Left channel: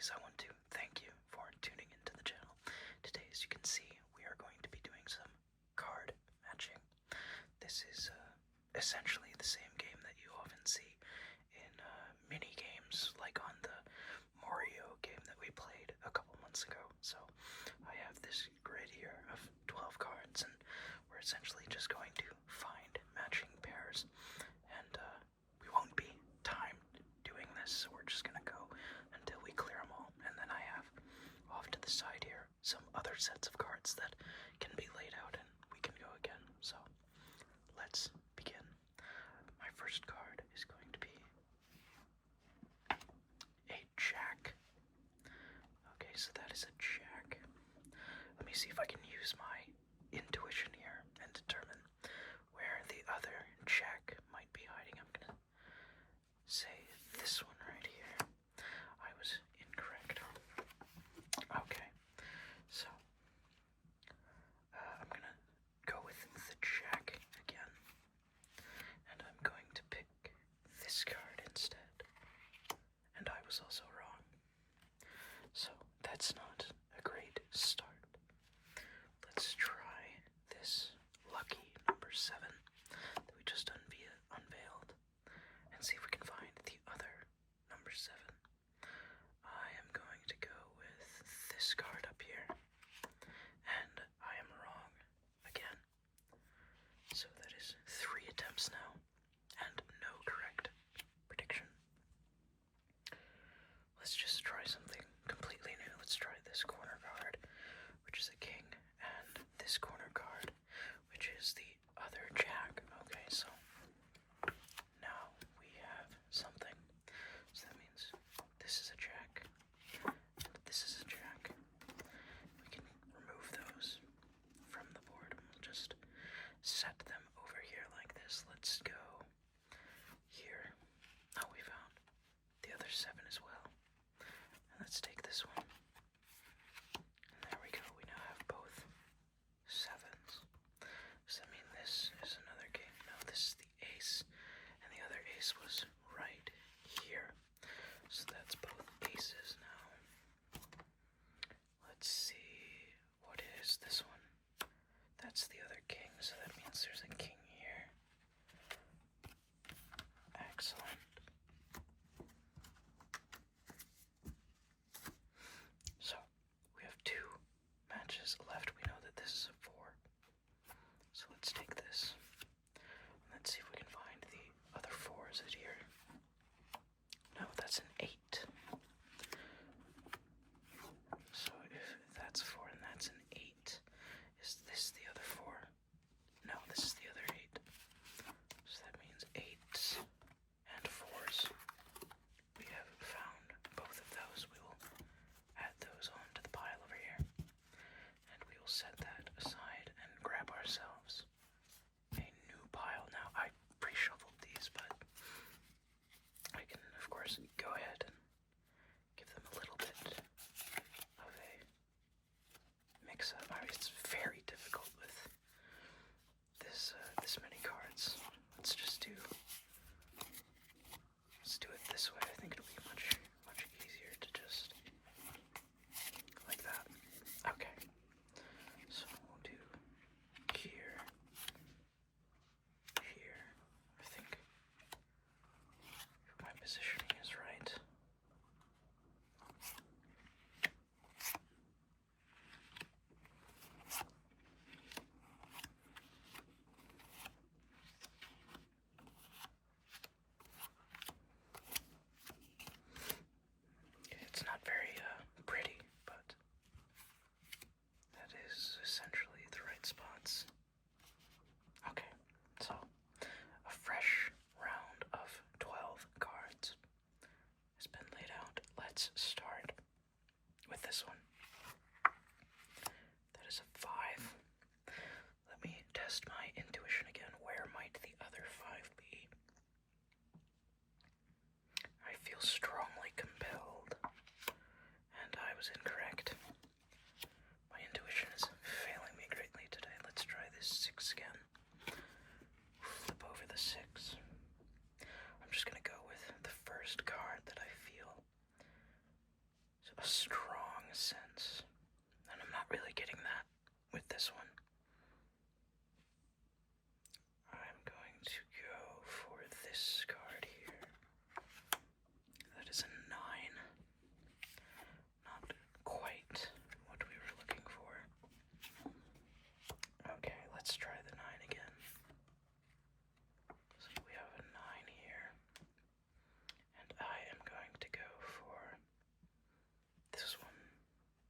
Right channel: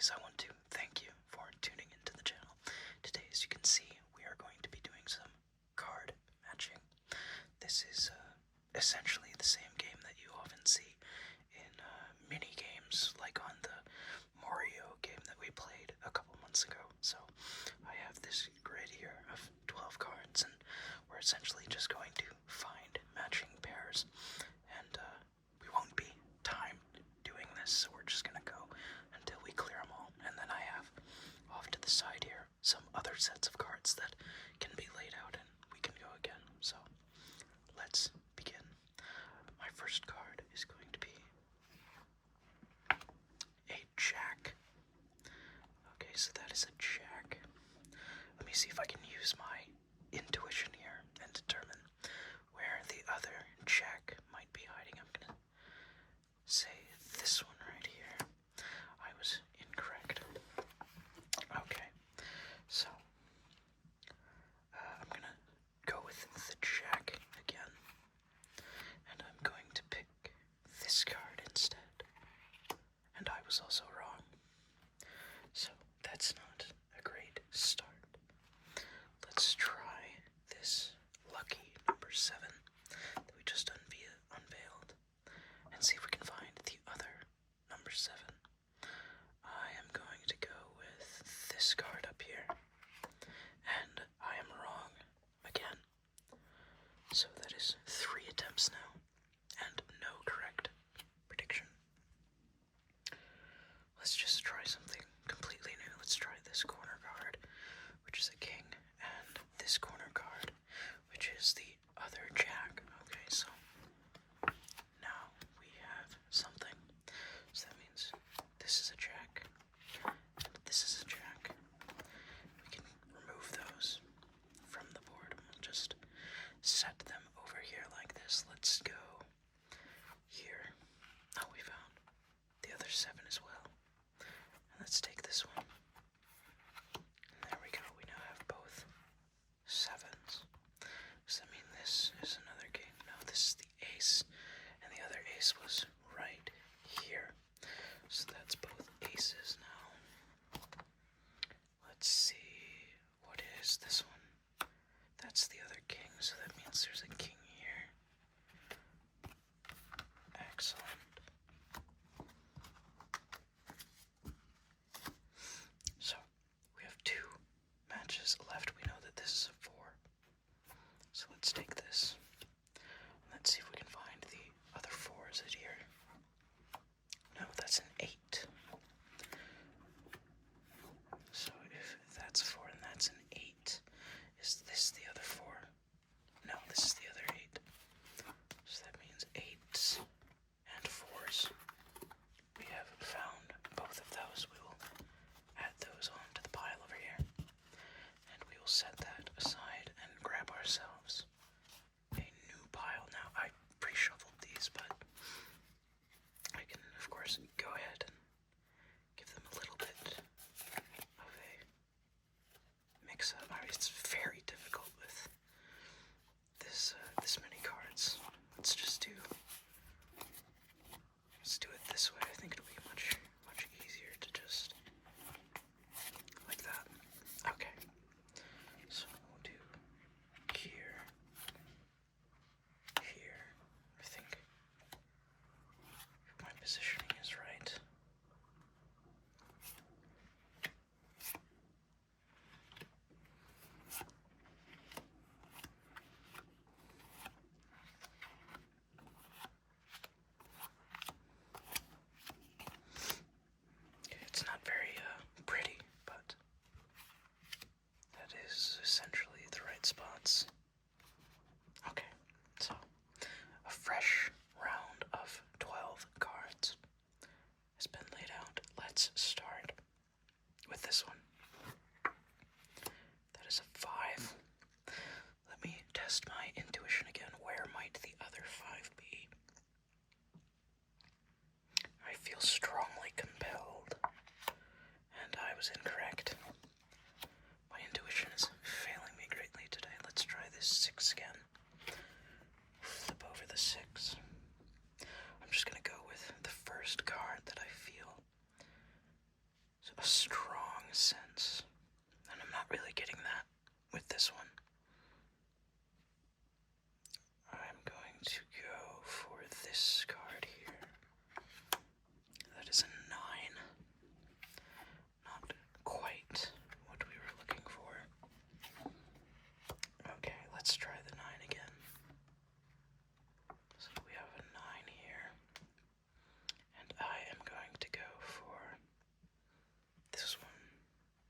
guys, I want to thank you for tuning into the channel. Today, as you can see, we are going to be doing some card matching. This is essentially the same game that you often see in mini games, like on the Mario game that we played a couple months ago. So I have this grid here of 12 cards, and we're essentially just going to find matching pairs. And we won't be timed doing this, so we're just gonna go until we clear them all. And then I have off to the side here some other sets of cards that can be laid out and we can go again. So let's begin. My first card is going to be a jack. Okay, so that is a jack. Let me see if I can use my intuition here and determine where the other jack might be hiding. I'm gonna say this one right here. I was incorrect. Okay, so I'm gonna go with the jack again, and I'm going to pick this card instead. And I was also wrong. So that's not a great start. Let's try this lucky number 7 that we just unveiled and see if we can find the other number 7. I am going to go with this card up here, and I am wrong again. So that is 3 attempts now, and no correct prediction. Let's just try something completely new. Let's try this corner card, which is a king, and this corner card, which is the other jack. Okay, so now we have something. So that means this is a jack, and this is a jack. We can remove those from the board, and we'll just set them over here like this. Let's go here. Oh, we found the other 7 as well. And let's take this one. And there we go. We now have both 7s. Does that mean this is another king? No, this is the ace. And the other ace was right here. So that's both aces now. Let's see. What is this one? That's the other king, so that means there's a king here. Excellent. So, we have 2 matches left. We know that this is a 4. So let's take this. And let's see if we can find the other 4. Is it here? No, that's an 8. So if that's 4 and that's an 8, is this the other 4? No, this is the other 8. So that means 8s and 4s. We have found both of those. We will add those onto the pile over here. And we will set that aside and grab ourselves a new pile. Now, I pre-shuffled these, but I can, of course, go ahead and give them a little bit of a mix-up. I mean, it's very difficult with this many cards. Let's do it this way. I think it'll be much easier to just like that. Okay. So we'll do here. I think if my positioning is right. It's not very pretty, but that is essentially the right spots. Okay, so a fresh round of 12 cards has been laid out. Let's start with this one. That is a 5. Let me test my intuition again. Where might the other 5 be? I feel strongly compelled, and I was incorrect. My intuition is failing me greatly today. Let's try this 6 again. Flip over the 6. I'm just gonna go with the first card that I feel. So, a strong sense, and I'm not really getting that with this one. I'm going to go for this card here. That is a 9. Not quite what we were looking for. Okay, let's try the 9 again. So we have a 9 here. And I am going to go for this one.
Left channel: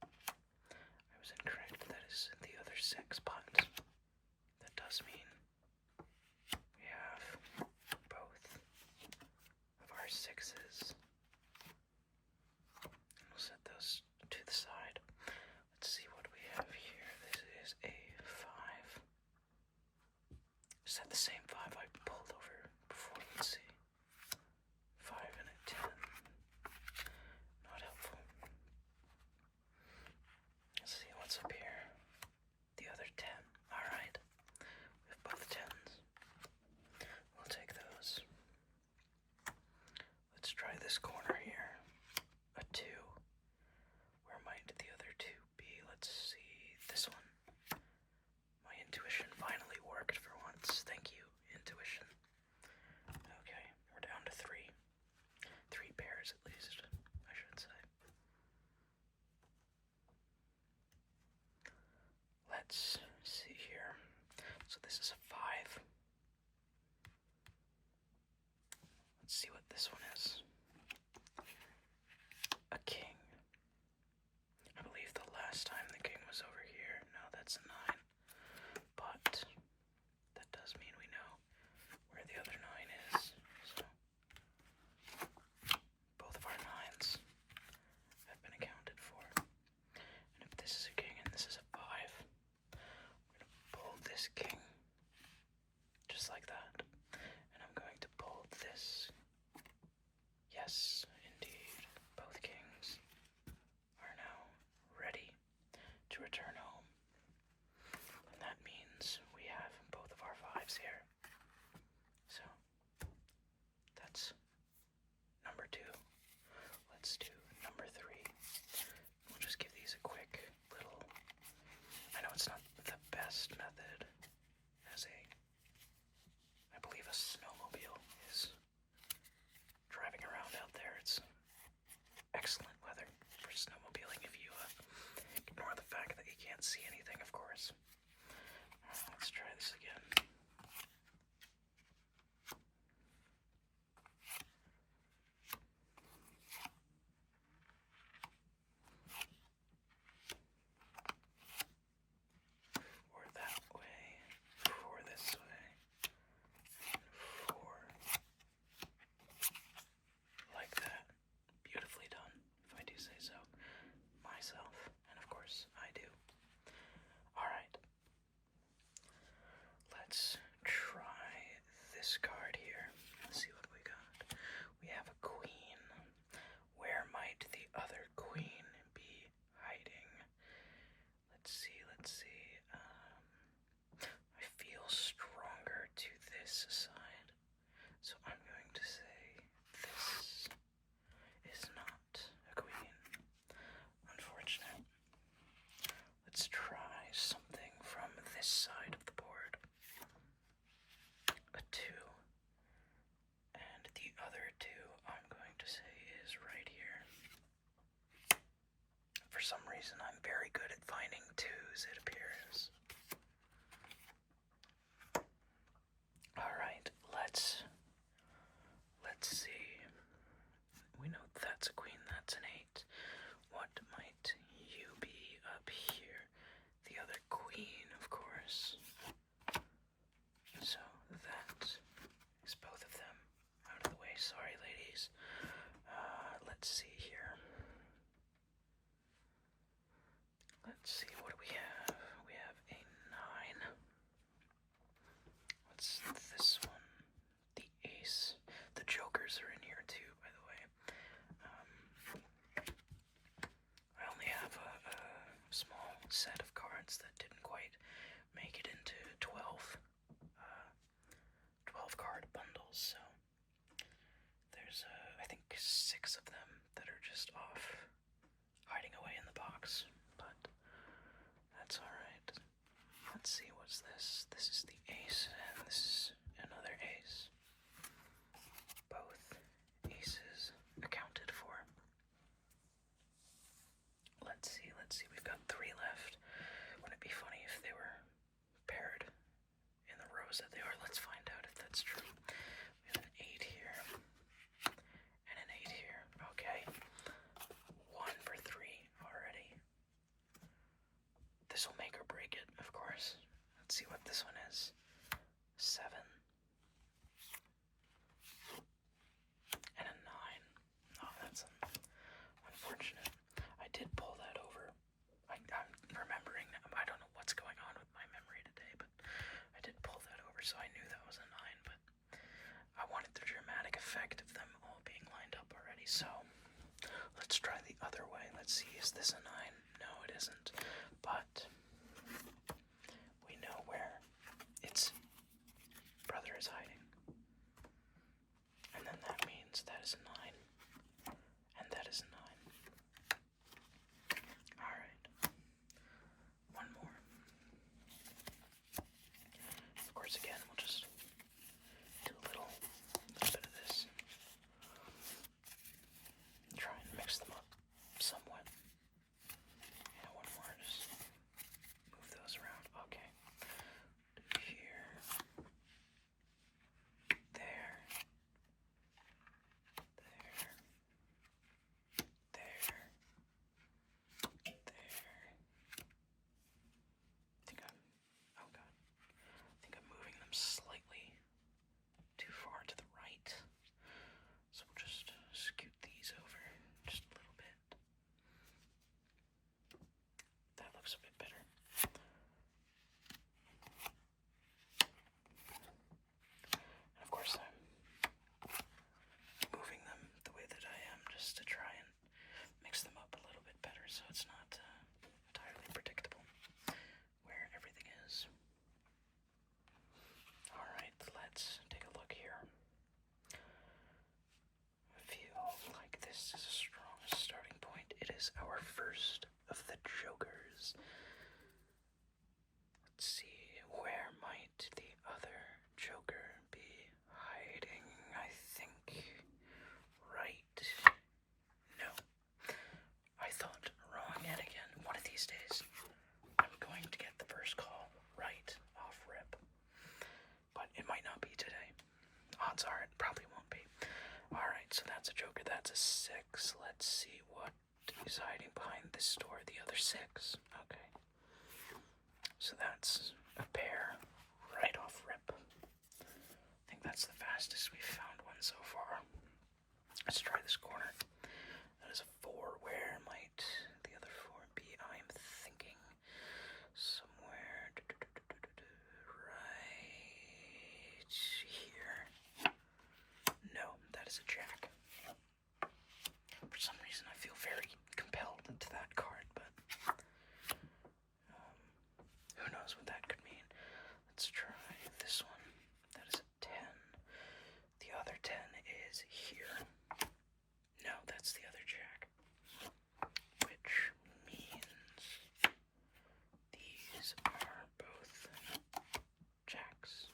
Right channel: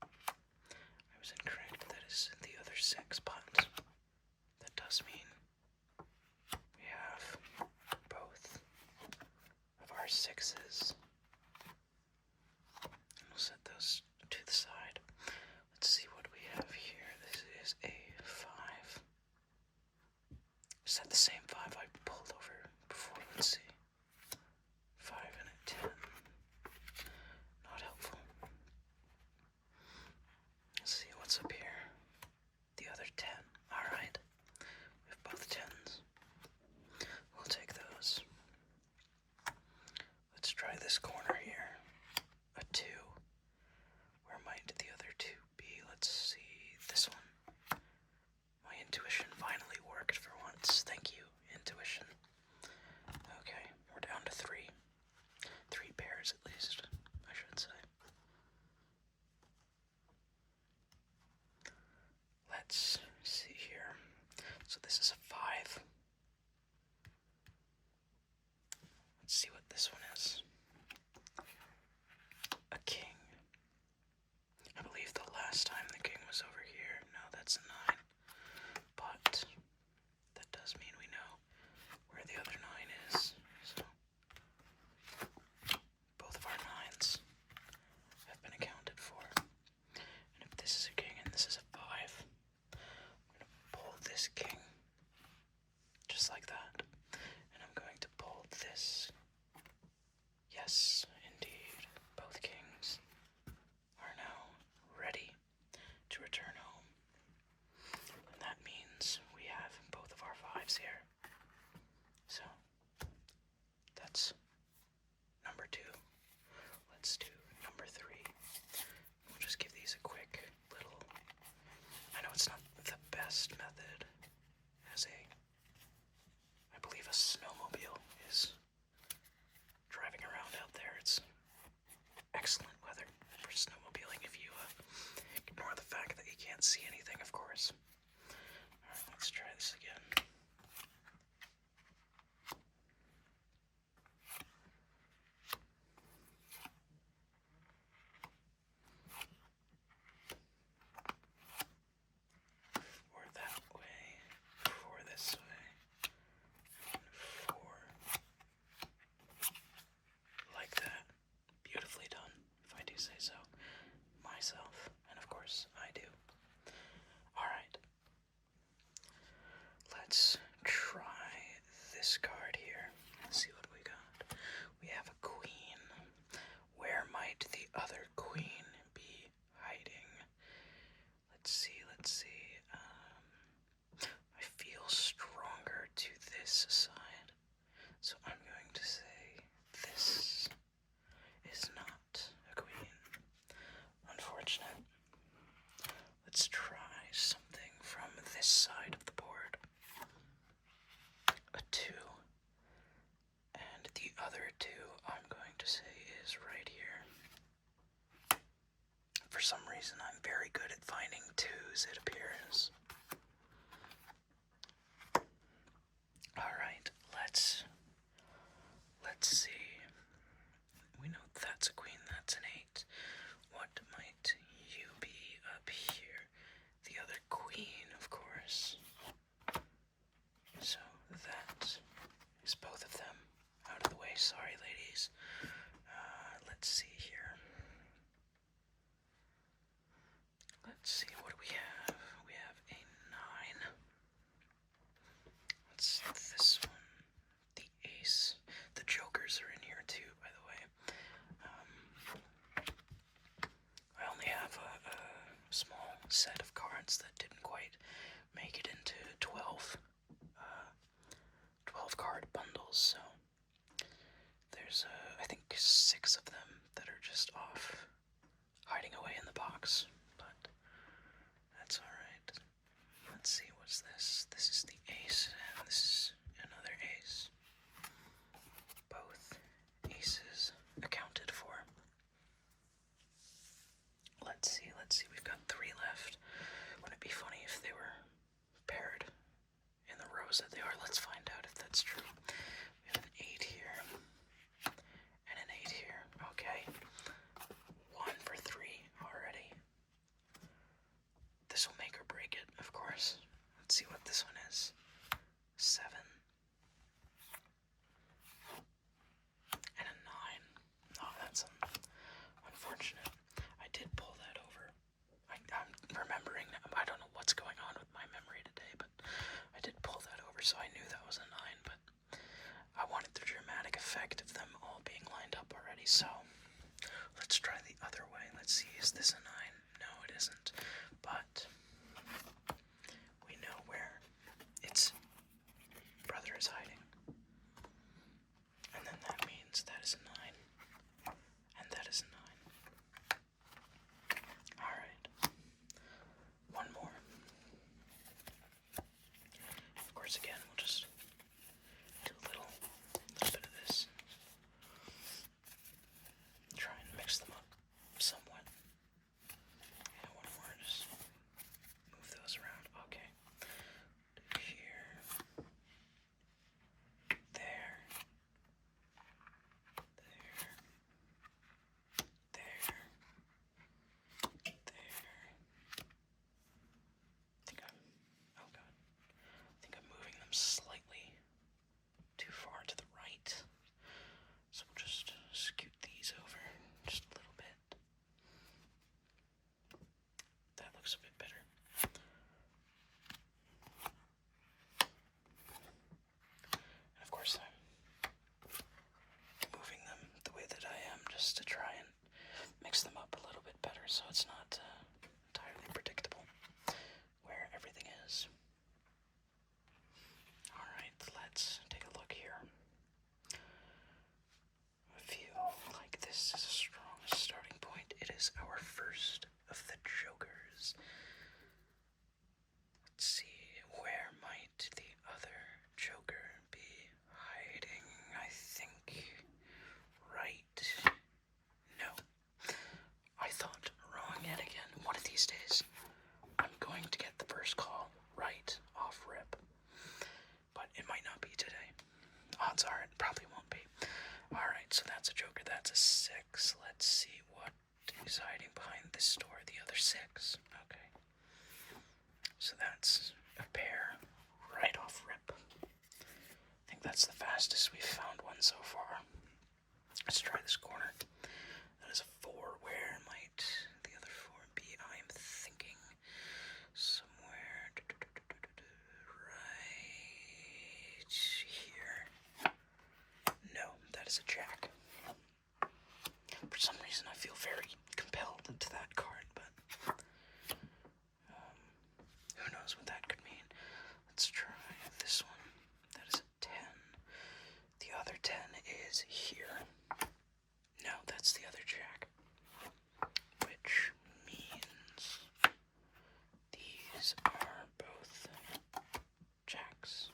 I was incorrect. That is the other 6, but that does mean we have both of our 6s. And we'll set those to the side. Let's see what we have here. This is a 5. Is that the same 5 I pulled over before? Let's see. 5 and a 10. Not helpful. Let's see what's up here. The other 10. Alright. We have both 10s. We'll take those. Let's try this corner here. A 2. Where might the other 2 be? Let's see. This one. My intuition finally worked for once. Thank you, intuition. Okay, we're down to 3. 3 pairs at least, I should say. Let's see here. So this is a 5. Let's see what this one is. A king. I believe the last time the king was over here. No, that's a 9. But that does mean we know where the other 9 is. So both of our 9s have been accounted for. And if this is a king and this is a 5, I'm going to pull this king just like that. And I'm going to pull this. Yes, indeed, both kings are now ready to return home. And that means we have both of our 5s here. So, that's number 2. Let's do number 3. We'll just give these a quick little... I know it's not the best method as I believe a snowmobile is driving around out there. It's excellent weather for snowmobiling if you ignore the fact that you can't see anything, of course. Alright, let's try this again. Four that way, 4 this way, and 4 like that. Beautifully done, if I do say so myself, and of course I do. Alright, let's try this card here. Let's see what we got. We have a queen. Where might the other queen be hiding? Let's see, let's see. I feel stronger to this side, so I'm going to say this is not a queen. Unfortunate. Let's try something from this side of the board. A 2. And the other 2 I'm going to say is right here. For some reason I'm very good at finding 2s, it appears. Alright, let's see. We know that's a queen, that's an 8. What might you be up here? The other queen, of course. So that is both of them out of the way. Sorry, ladies. Let's see here. Let's see, what do we have? We have a 9. What's this one? The ace. The jokers are in here too, by the way. I only have a small set of cards that didn't quite make it into 12 card bundles, so there's I think 6 of them that are just off hiding away in the box, but that's alright. Let's see, what's this? This is the ace, and this is another ace. Both aces accounted for. Let's see, we've got 3 left. Wouldn't it be funny if they were paired in the rows that they are? Let's find out if that's true. We have an 8 here, and an 8 here. Okay. 1 for 3 already. This will make or break it, of course. Let's see what this one is. 7. And a 9. Oh, that's unfortunate. I did pull that over. I'm remembering. I don't know what's going on with my memory today, but I did pull that over, so I knew that was a 9, but I wanted the dramatic effect of them all being lined up already, so let's try the other way. Let's see, is this a 9? No, it isn't, but we know where its brother is hiding. And then that means that is a 9, and that is a 9. Alright. One more. Of course, again, we'll just do a little bit of this. Try and mix them up somewhat. And one more, just move those around. Okay. Do here. There. There. Oh god. I think I'm moving them slightly too far to the right. So we'll just scoot these over just a little bit. That looks a bit better. And of course I'm moving them the way that I am just to try and mix them up a little bit better so it's not entirely predictable where everything is. Alright, let's take a look here. I feel like this is a strong starting point. It is our first of the jokers. Let's see, where might the other joker be hiding? I think right. No. I thought wrong yet again. One of these days, I'm going to get the first call right off rip. But it might not be today. Odds are it probably won't be. Alright, so that's a joker. That's a 6. Let's see what is hiding behind this door. The other 6. Okay. So that's a pair right off rip. I think that's the fastest we've found one so far. Let's try this corner. That is a 4. Where might the other 4 be? I'm thinking somewhere right here. No, that is a jack. For some reason I feel very compelled into that card, but who knows what that could mean. Let's try this one. That is a 10. The other 10 is here. No, that's the other jack. Which means these are both jacks.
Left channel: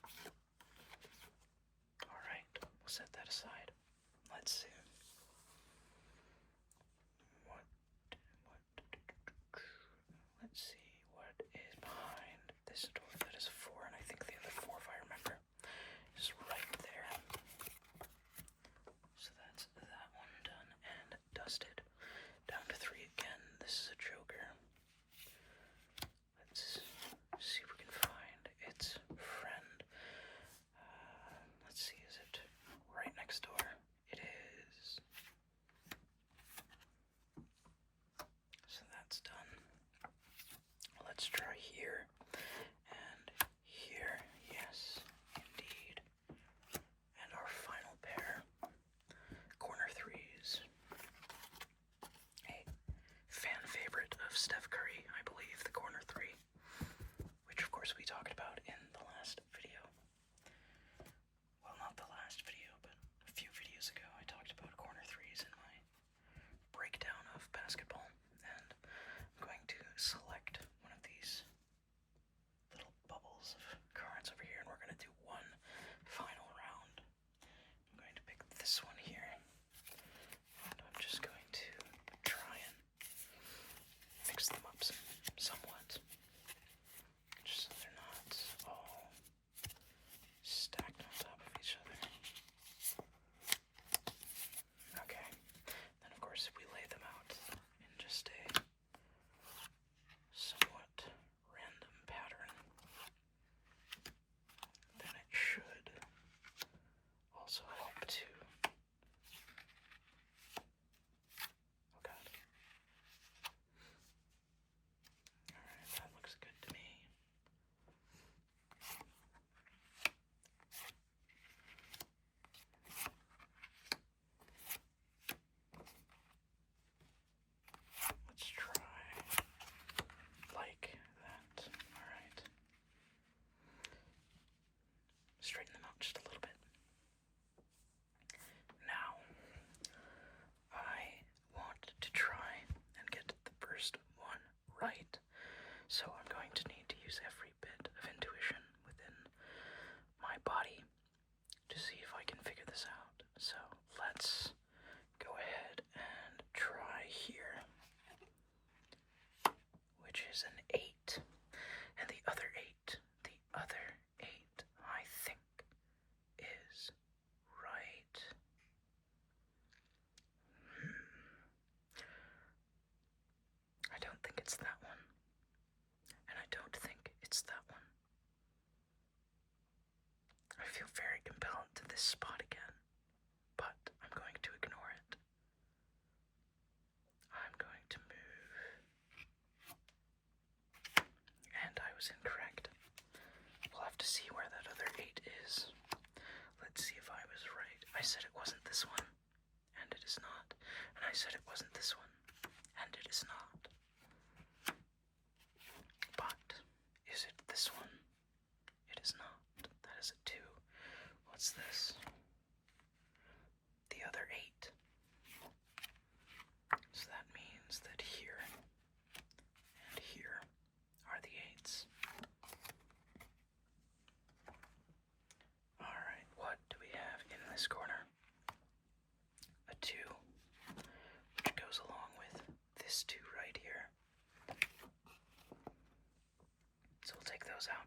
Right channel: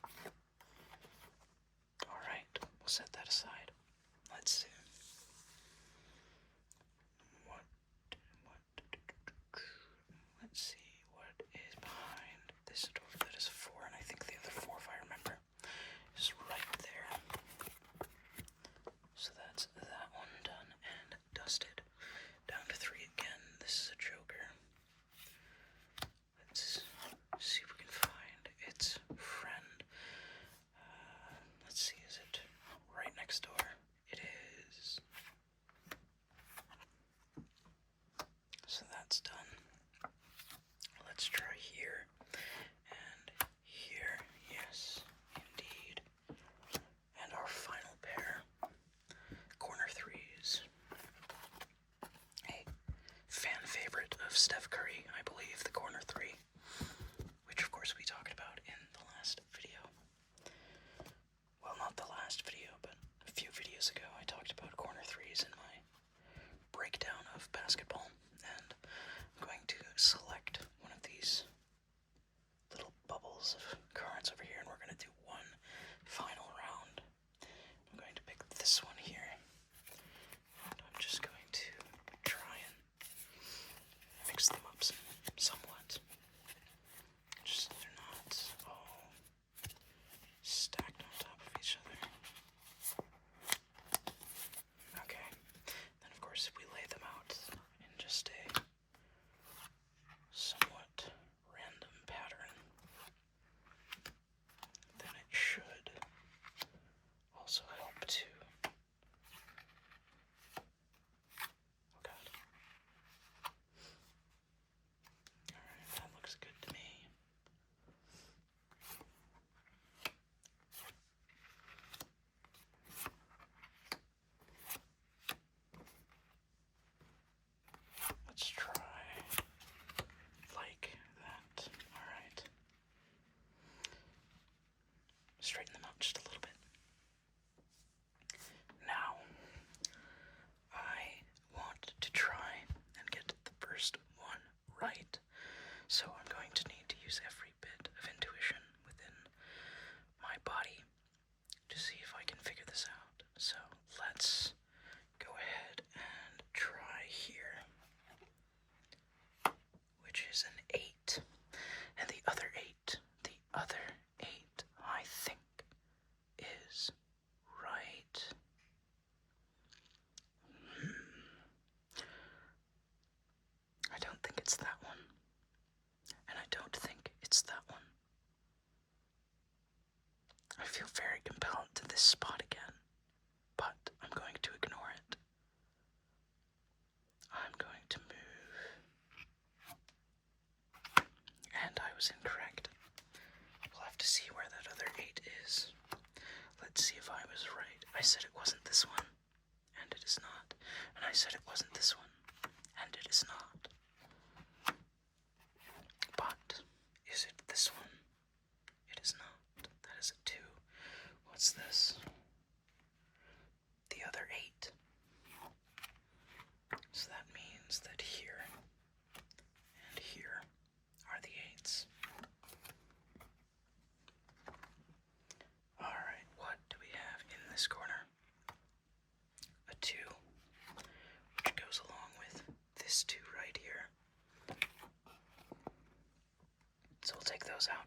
Alright, we'll set that aside. Let's see. Let's see what is behind this door. That is a 4, and I think the other 4, if I remember, is right there. So that's that one done and dusted. Down to 3 again. This is a joker. Let's see if we can find its friend. Let's see, is it right next door? It is. So that's done. Let's try here and here. Yes, indeed. And our final pair, corner 3s. A fan favorite of Steph Curry, I believe, the corner 3, which of course we talked about in the last video. Well, not the last video, but a few videos ago I talked about corner 3s in my breakdown of basketball, and let's go ahead and try here, which is an 8. And the other 8, I think, is right. I don't think it's that one. And I don't think it's that one. I feel very compelled to this spot again, but I'm going to ignore it. I'm going to move. And I was incorrect. We'll have to see where that other 8 is. Let's see if I was right. I said it wasn't this one, and it is not. And I said it wasn't this one, and it is not. But is it this one? It is not. That is a 2. What's this? The other 8. So that means that here and here are the 8s. Alright, what do we have in this corner? A 2, which goes along with this 2 right here. So we'll take those out.